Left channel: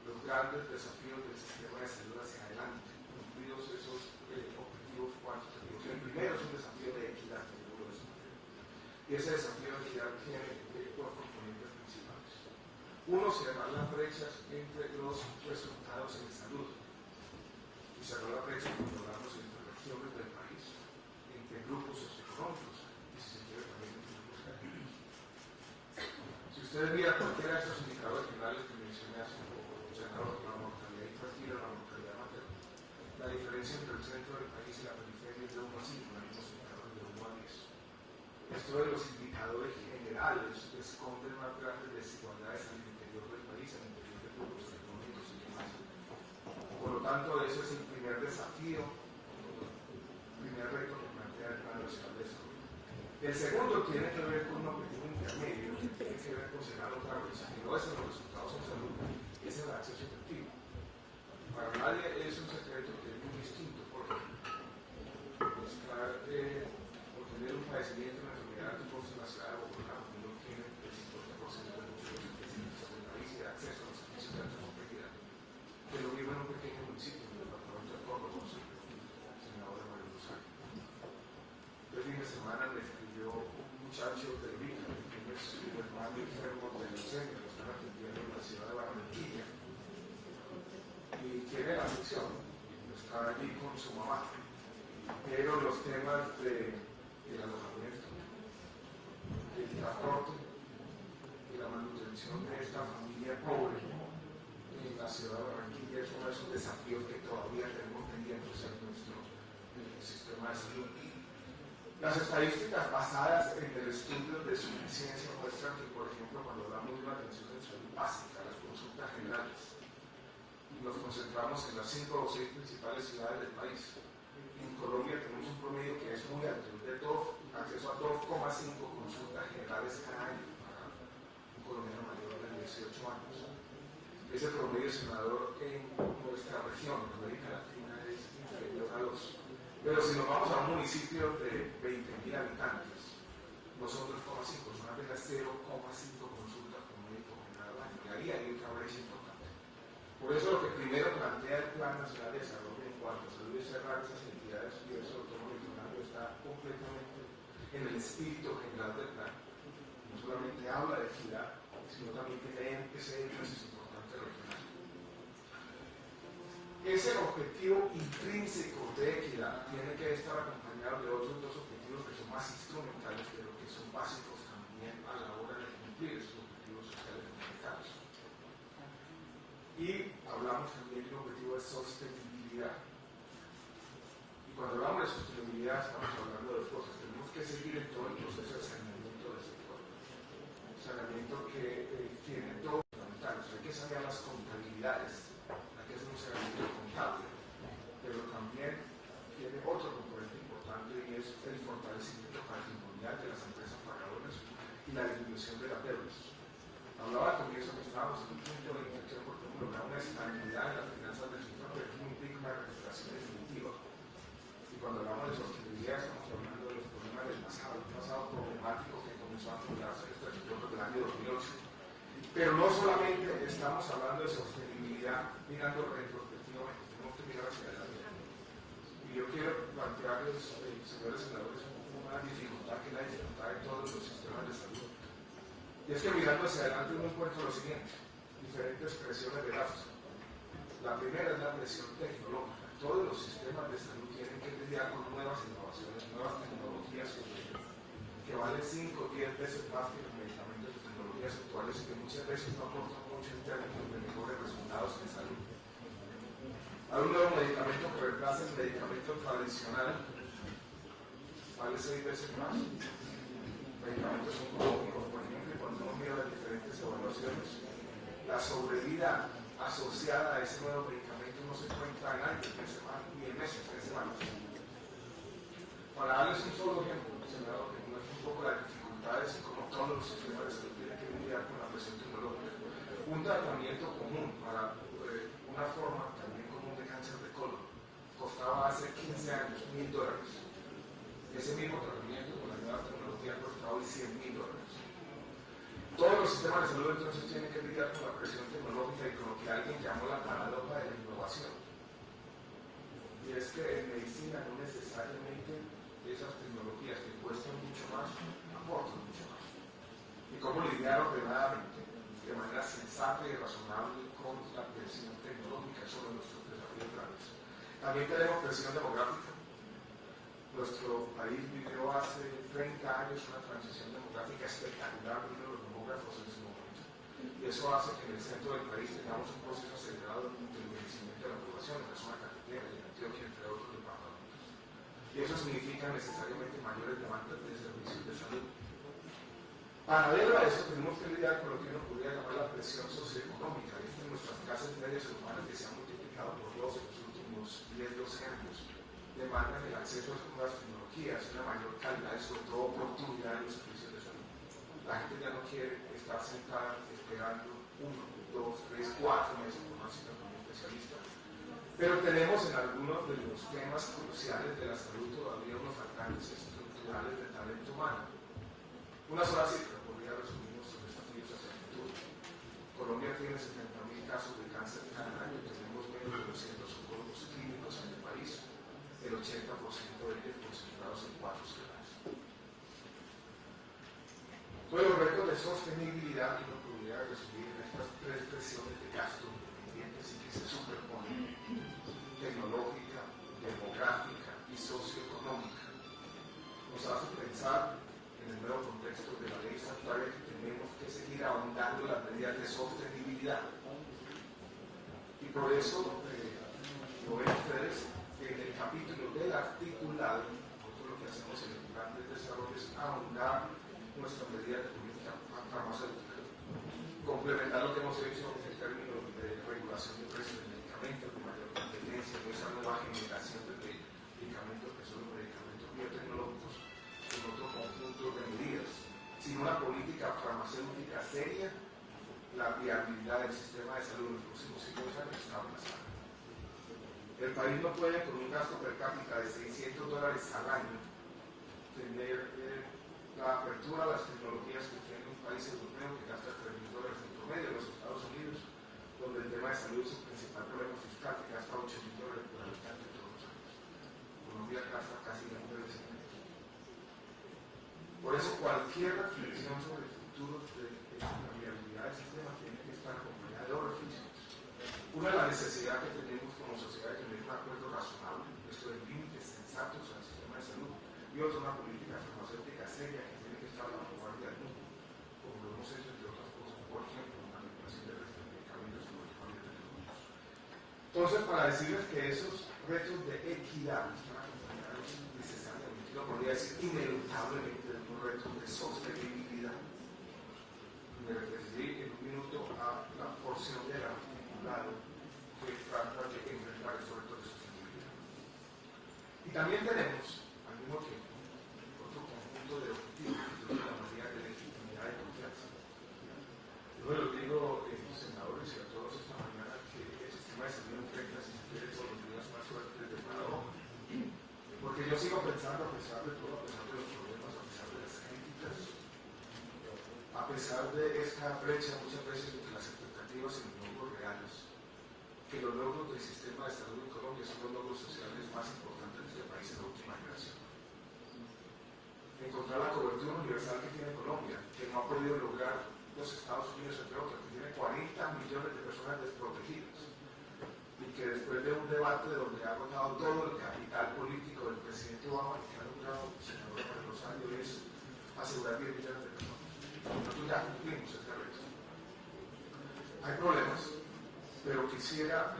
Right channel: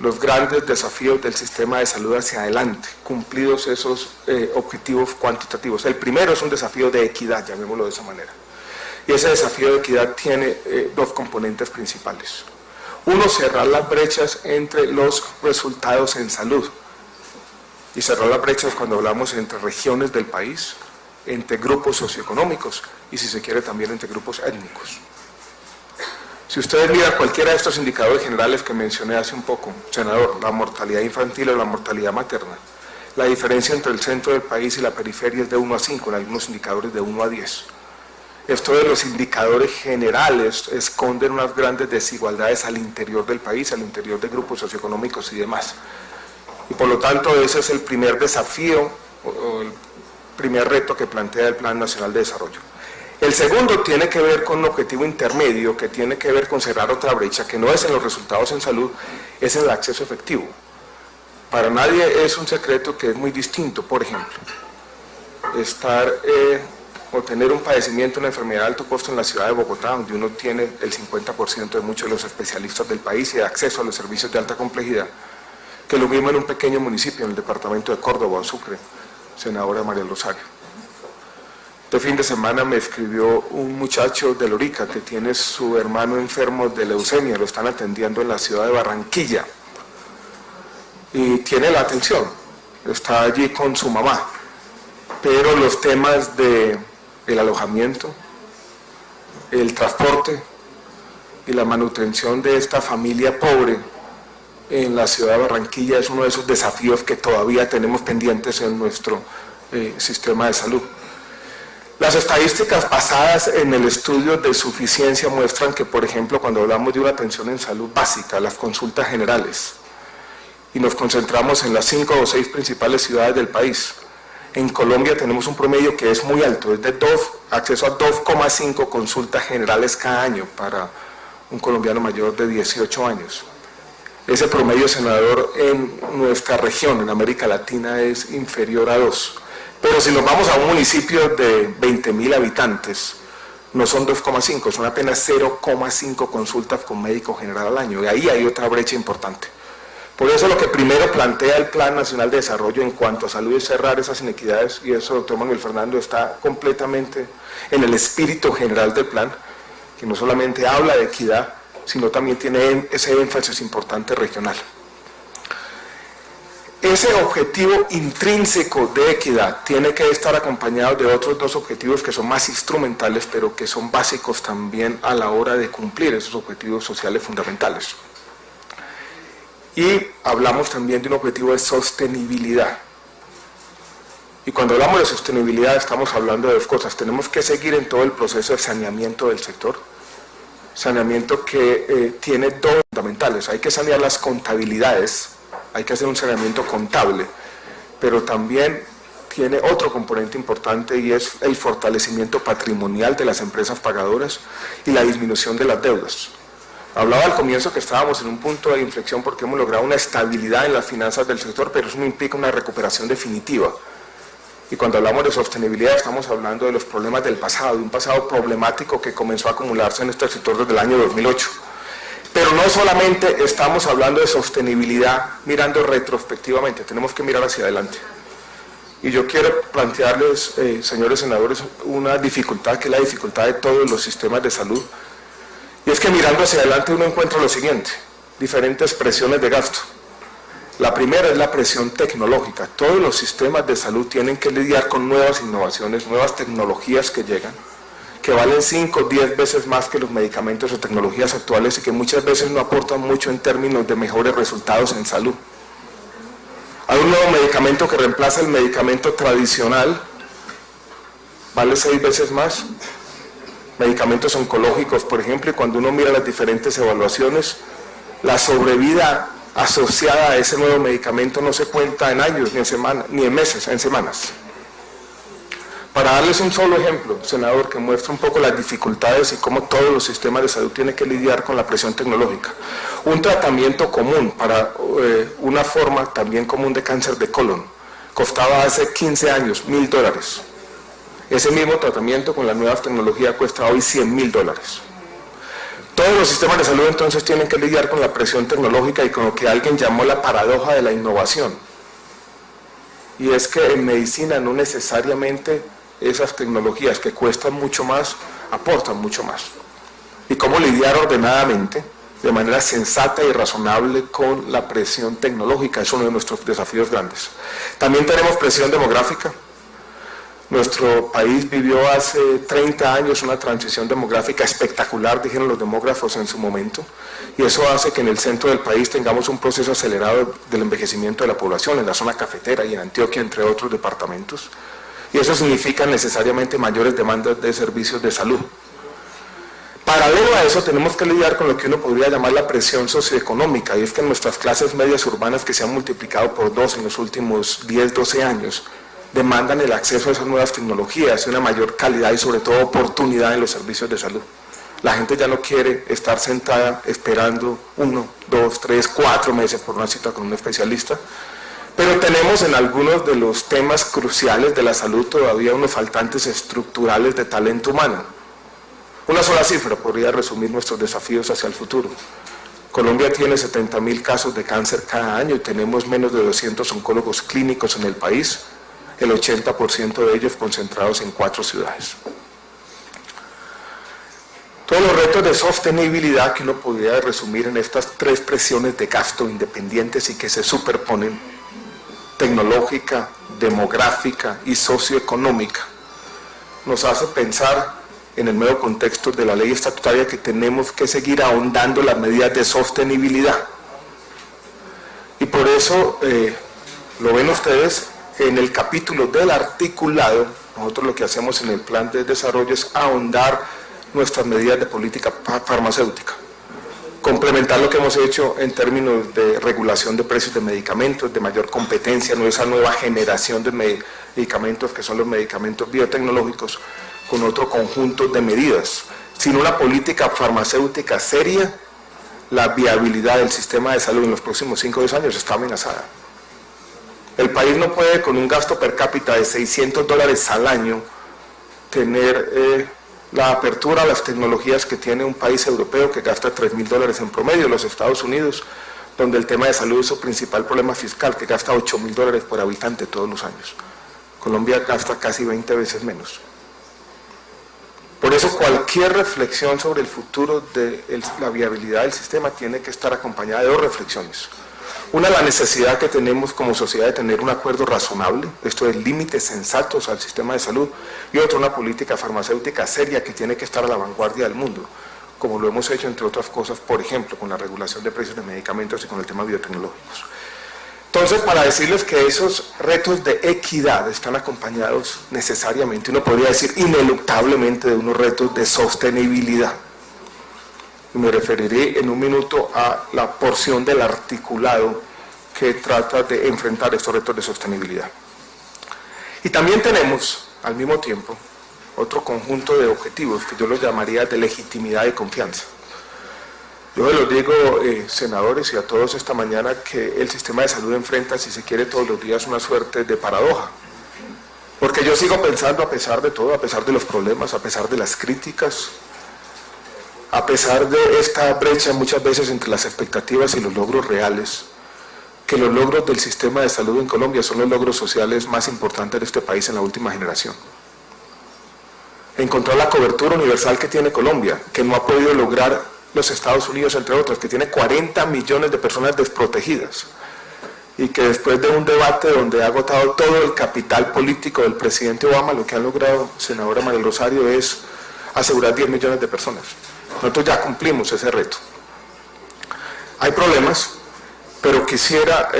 los grandes desafíos del sistema de salud hacia adelante, cumplidos esos objetivos cuantitativos. El primero es un desafío de equidad, llamémoslo de esa manera. Y ese desafío de equidad tiene dos componentes principales. Uno, cerrar las brechas entre los resultados en salud. Y cerrar las brechas cuando hablamos entre regiones del país, entre grupos socioeconómicos y, si se quiere, también entre grupos étnicos. Si ustedes miran cualquiera de estos indicadores generales que mencioné hace un poco, senador, la mortalidad infantil o la mortalidad materna, la diferencia entre el centro del país y la periferia es de 1 a 5, en algunos indicadores de 1 a 10. Esto de los indicadores generales esconden unas grandes desigualdades al interior del país, al interior de grupos socioeconómicos y demás. Y por lo tanto ese es el primer desafío o el primer reto que plantea el Plan Nacional de Desarrollo. El segundo tiene que ver con un objetivo intermedio, que tiene que ver con cerrar otra brecha, que no es en los resultados en salud, es en el acceso efectivo. Para nadie es un secreto que es muy distinto, por ejemplo, o tener un padecimiento, una enfermedad de alto costo en la ciudad de Bogotá, donde uno tiene el 50% de muchos de los especialistas del país y acceso a los servicios de alta complejidad, que lo mismo en un pequeño municipio, en el departamento de Córdoba o Sucre, senadora María Rosario. Este fin de semana me escribió un muchacho de Lorica que tiene su hermano enfermo de leucemia, lo están atendiendo en la ciudad de Barranquilla y tiene la atención, está allí con su mamá, pero los temas del alojamiento, el transporte y la manutención de esta familia pobre en la ciudad de Barranquilla es uno de esos desafíos que todavía tenemos pendientes en nuestro sistema de salud. Las estadísticas basadas en el estudio de suficiencia muestran que, por ejemplo, cuando hablamos de una atención en salud básica, las consultas generales, y nos concentramos en las 5 o 6 principales ciudades del país, en Colombia tenemos un promedio que es muy alto, es de acceso a 2,5 consultas generales cada año para un colombiano mayor de 18 años. Ese promedio, senador, en nuestra región, en América Latina, es inferior a 2. Pero si nos vamos a un municipio de 20.000 habitantes, no son 2,5, son apenas 0,5 consultas con médico general al año. Y ahí hay otra brecha importante. Por eso lo que primero plantea el Plan Nacional de Desarrollo en cuanto a salud es cerrar esas inequidades, y eso, doctor Manuel Fernando, está completamente en el espíritu general del plan, que no solamente habla de equidad, sino también tiene ese énfasis importante regional. Ese objetivo intrínseco de equidad tiene que estar acompañado de otros dos objetivos que son más instrumentales, pero que son básicos también a la hora de cumplir esos objetivos sociales fundamentales. Y hablamos también de un objetivo de sostenibilidad. Y cuando hablamos de sostenibilidad estamos hablando de dos cosas. Tenemos que seguir en todo el proceso de saneamiento del sector. Saneamiento que tiene dos fundamentales. Hay que sanear las contabilidades, hay que hacer un saneamiento contable, pero también tiene otro componente importante y es el fortalecimiento patrimonial de las empresas pagadoras y la disminución de las deudas. Hablaba al comienzo que estábamos en un punto de inflexión porque hemos logrado una estabilidad en las finanzas del sector, pero eso no implica una recuperación definitiva. Y cuando hablamos de sostenibilidad estamos hablando de los problemas del pasado, de un pasado problemático que comenzó a acumularse en este sector desde el año 2008. Pero no solamente estamos hablando de sostenibilidad mirando retrospectivamente, tenemos que mirar hacia adelante. Y yo quiero plantearles, señores senadores, una dificultad que es la dificultad de todos los sistemas de salud. Y es que mirando hacia adelante uno encuentra lo siguiente, diferentes presiones de gasto. La primera es la presión tecnológica. Todos los sistemas de salud tienen que lidiar con nuevas innovaciones, nuevas tecnologías que llegan, que valen 5 o 10 veces más que los medicamentos o tecnologías actuales y que muchas veces no aportan mucho en términos de mejores resultados en salud. Hay un nuevo medicamento que reemplaza el medicamento tradicional, vale 6 veces más. Medicamentos oncológicos, por ejemplo, y cuando uno mira las diferentes evaluaciones, la sobrevida asociada a ese nuevo medicamento no se cuenta en años, ni en semanas, ni en meses, en semanas. Para darles un solo ejemplo, senador, que muestra un poco las dificultades y cómo todos los sistemas de salud tienen que lidiar con la presión tecnológica. Un tratamiento común para una forma también común de cáncer de colon costaba hace 15 años $1.000. Ese mismo tratamiento con la nueva tecnología cuesta hoy $100.000. Todos los sistemas de salud entonces tienen que lidiar con la presión tecnológica y con lo que alguien llamó la paradoja de la innovación. Y es que en medicina no necesariamente esas tecnologías que cuestan mucho más, aportan mucho más. Y cómo lidiar ordenadamente, de manera sensata y razonable con la presión tecnológica, es uno de nuestros desafíos grandes. También tenemos presión demográfica. Nuestro país vivió hace 30 años una transición demográfica espectacular, dijeron los demógrafos en su momento, y eso hace que en el centro del país tengamos un proceso acelerado del envejecimiento de la población, en la zona cafetera y en Antioquia, entre otros departamentos, y eso significa necesariamente mayores demandas de servicios de salud. Paralelo a eso tenemos que lidiar con lo que uno podría llamar la presión socioeconómica, y es que nuestras clases medias urbanas, que se han multiplicado por 2 en los últimos 10, 12 años, demandan el acceso a esas nuevas tecnologías, una mayor calidad y sobre todo oportunidad en los servicios de salud. La gente ya no quiere estar sentada esperando 1, 2, 3, 4 meses por una cita con un especialista, pero tenemos en algunos de los temas cruciales de la salud todavía unos faltantes estructurales de talento humano. Una sola cifra podría resumir nuestros desafíos hacia el futuro. Colombia tiene 70.000 casos de cáncer cada año y tenemos menos de 200 oncólogos clínicos en el país, el 80% de ellos concentrados en 4 ciudades. Todos los retos de sostenibilidad que uno podría resumir en estas 3 presiones de gasto independientes y que se superponen, tecnológica, demográfica y socioeconómica, nos hace pensar en el nuevo contexto de la ley estatutaria que tenemos que seguir ahondando las medidas de sostenibilidad. Y por eso, lo ven ustedes, en el capítulo del articulado, nosotros lo que hacemos en el plan de desarrollo es ahondar nuestras medidas de política farmacéutica, complementar lo que hemos hecho en términos de regulación de precios de medicamentos, de mayor competencia, no esa nueva generación de medicamentos que son los medicamentos biotecnológicos, con otro conjunto de medidas. Sin una política farmacéutica seria, la viabilidad del sistema de salud en los próximos 5 o 10 años está amenazada. El país no puede, con un gasto per cápita de $600 al año, tener la apertura a las tecnologías que tiene un país europeo que gasta $3.000 en promedio, los Estados Unidos, donde el tema de salud es su principal problema fiscal, que gasta $8.000 por habitante todos los años. Colombia gasta casi 20 veces menos. Por eso cualquier reflexión sobre el futuro de la viabilidad del sistema tiene que estar acompañada de 2 reflexiones. Una, la necesidad que tenemos como sociedad de tener un acuerdo razonable, esto es límites sensatos al sistema de salud, y otra, una política farmacéutica seria que tiene que estar a la vanguardia del mundo, como lo hemos hecho entre otras cosas, por ejemplo, con la regulación de precios de medicamentos y con el tema biotecnológicos. Entonces, para decirles que esos retos de equidad están acompañados necesariamente, uno podría decir ineluctablemente, de unos retos de sostenibilidad. Y me referiré en un minuto a la porción del articulado que trata de enfrentar estos retos de sostenibilidad. Y también tenemos, al mismo tiempo, otro conjunto de objetivos que yo los llamaría de legitimidad y confianza. Yo les digo, senadores, y a todos esta mañana, que el sistema de salud enfrenta, si se quiere, todos los días una suerte de paradoja. Porque yo sigo pensando, a pesar de todo, a pesar de los problemas, a pesar de las críticas, a pesar de esta brecha muchas veces entre las expectativas y los logros reales, que los logros del sistema de salud en Colombia son los logros sociales más importantes de este país en la última generación. Encontrar la cobertura universal que tiene Colombia, que no ha podido lograr los Estados Unidos, entre otros, que tiene 40 millones de personas desprotegidas, y que después de un debate donde ha agotado todo el capital político del presidente Obama, lo que ha logrado, senadora María Rosario, es asegurar 10 millones de personas. Nosotros ya cumplimos ese reto. Hay problemas, pero quisiera,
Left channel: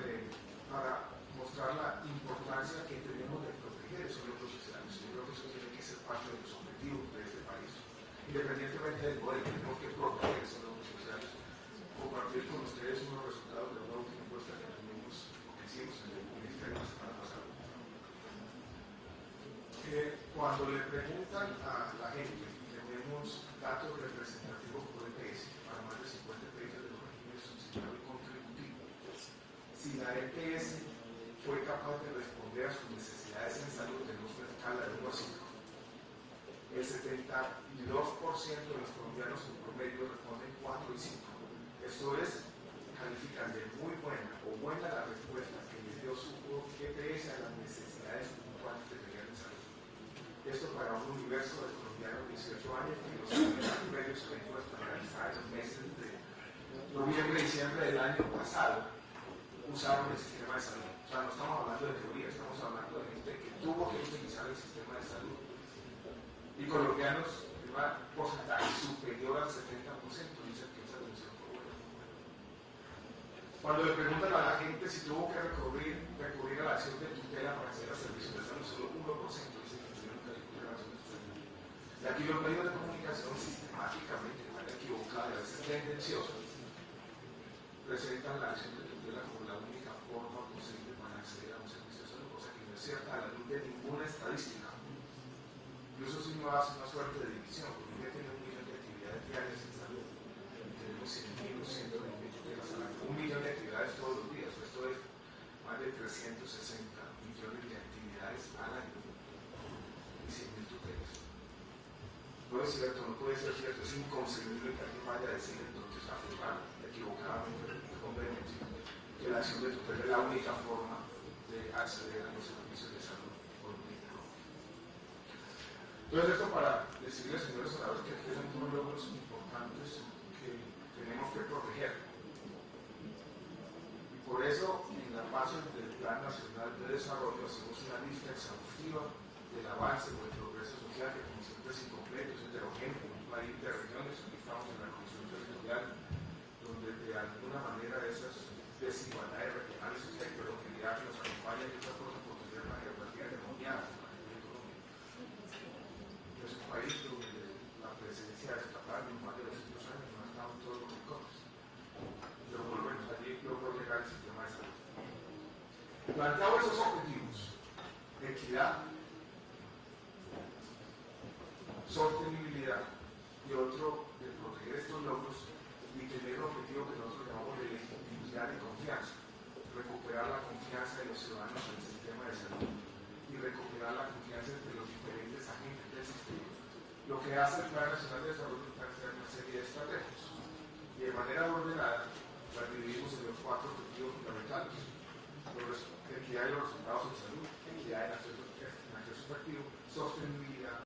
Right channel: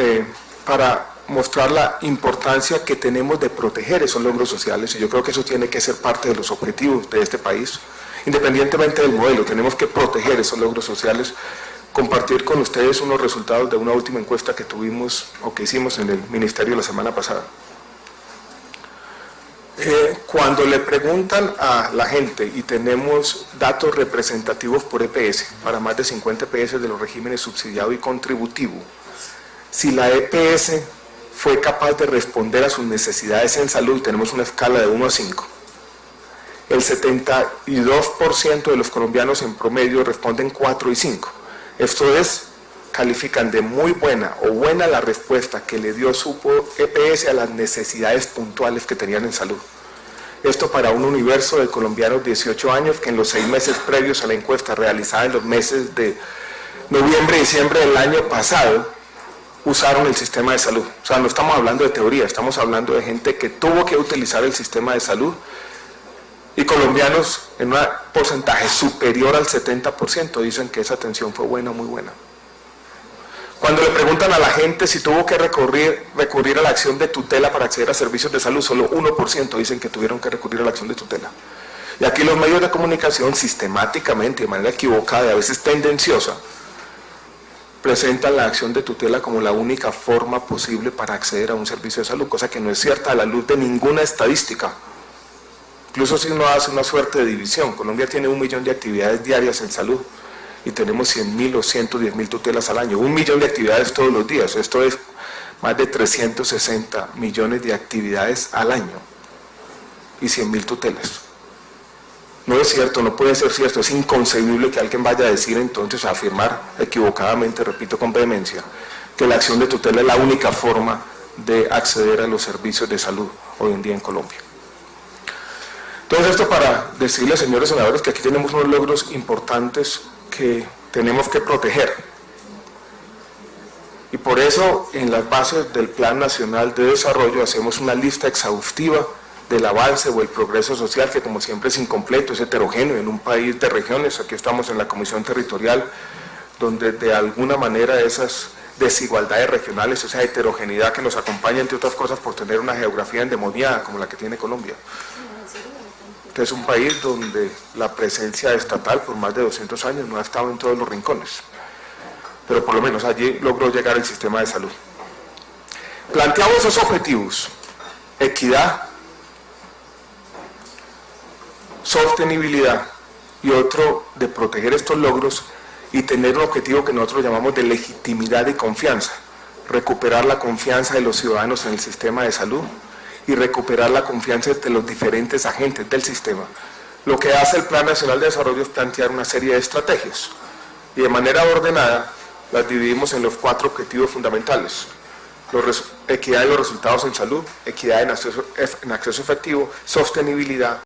para mostrar la importancia que tenemos de proteger esos logros sociales, y yo creo que eso tiene que ser parte de los objetivos de este país, independientemente del modelo, tenemos que proteger esos logros sociales, compartir con ustedes unos resultados de una última encuesta que tuvimos, o que hicimos en el Ministerio la semana pasada. Cuando le preguntan a la gente, y tenemos datos representativos por EPS, para más de 50 EPS de los regímenes subsidiado y contributivo, si la EPS fue capaz de responder a sus necesidades en salud, y tenemos una escala de 1 a 5, el 72% de los colombianos en promedio responden 4 y 5. Esto es, califican de muy buena o buena la respuesta que le dio su EPS a las necesidades puntuales que tenían en salud. Esto para un universo de colombianos de 18 años que en los 6 meses previos a la encuesta realizada en los meses de noviembre y diciembre del año pasado usaron el sistema de salud. O sea, no estamos hablando de teoría, estamos hablando de gente que tuvo que utilizar el sistema de salud, y colombianos en un porcentaje superior al 70% dicen que esa atención fue buena, muy buena. Cuando le preguntan a la gente si tuvo que recurrir a la acción de tutela para acceder a servicios de salud, solo 1% dicen que tuvieron que recurrir a la acción de tutela. Y aquí los medios de comunicación sistemáticamente, de manera equivocada y a veces tendenciosa, presentan la acción de tutela como la única forma posible para acceder a un servicio de salud, cosa que no es cierta a la luz de ninguna estadística. Incluso si uno hace una suerte de división, Colombia tiene 1 millón de actividades diarias en salud y tenemos 100.000 o 110.000 tutelas al año. 1 millón de actividades todos los días, esto es más de 360 millones de actividades al año y 100.000 tutelas. No es cierto, no puede ser cierto, es inconcebible que alguien vaya a decir entonces, a afirmar equivocadamente, repito con vehemencia, que la acción de tutela es la única forma de acceder a los servicios de salud hoy en día en Colombia. Entonces esto para decirles, señores senadores, que aquí tenemos unos logros importantes que tenemos que proteger. Y por eso en las bases del Plan Nacional de Desarrollo hacemos una lista exhaustiva del avance o el progreso social, que como siempre es incompleto, es heterogéneo en un país de regiones. Aquí estamos en la Comisión Territorial, donde de alguna manera esas desigualdades regionales, esa heterogeneidad que nos acompaña, entre otras cosas, por tener una geografía endemoniada como la que tiene Colombia. Este es un país donde la presencia estatal por más de 200 años no ha estado en todos los rincones, pero por lo menos allí logró llegar el sistema de salud. Planteamos esos objetivos: equidad, sostenibilidad y otro de proteger estos logros y tener un objetivo que nosotros llamamos de legitimidad y confianza, recuperar la confianza de los ciudadanos en el sistema de salud y recuperar la confianza de los diferentes agentes del sistema. Lo que hace el Plan Nacional de Desarrollo es plantear una serie de estrategias y de manera ordenada las dividimos en los 4 objetivos fundamentales: equidad de los resultados en salud, equidad en acceso efectivo, sostenibilidad,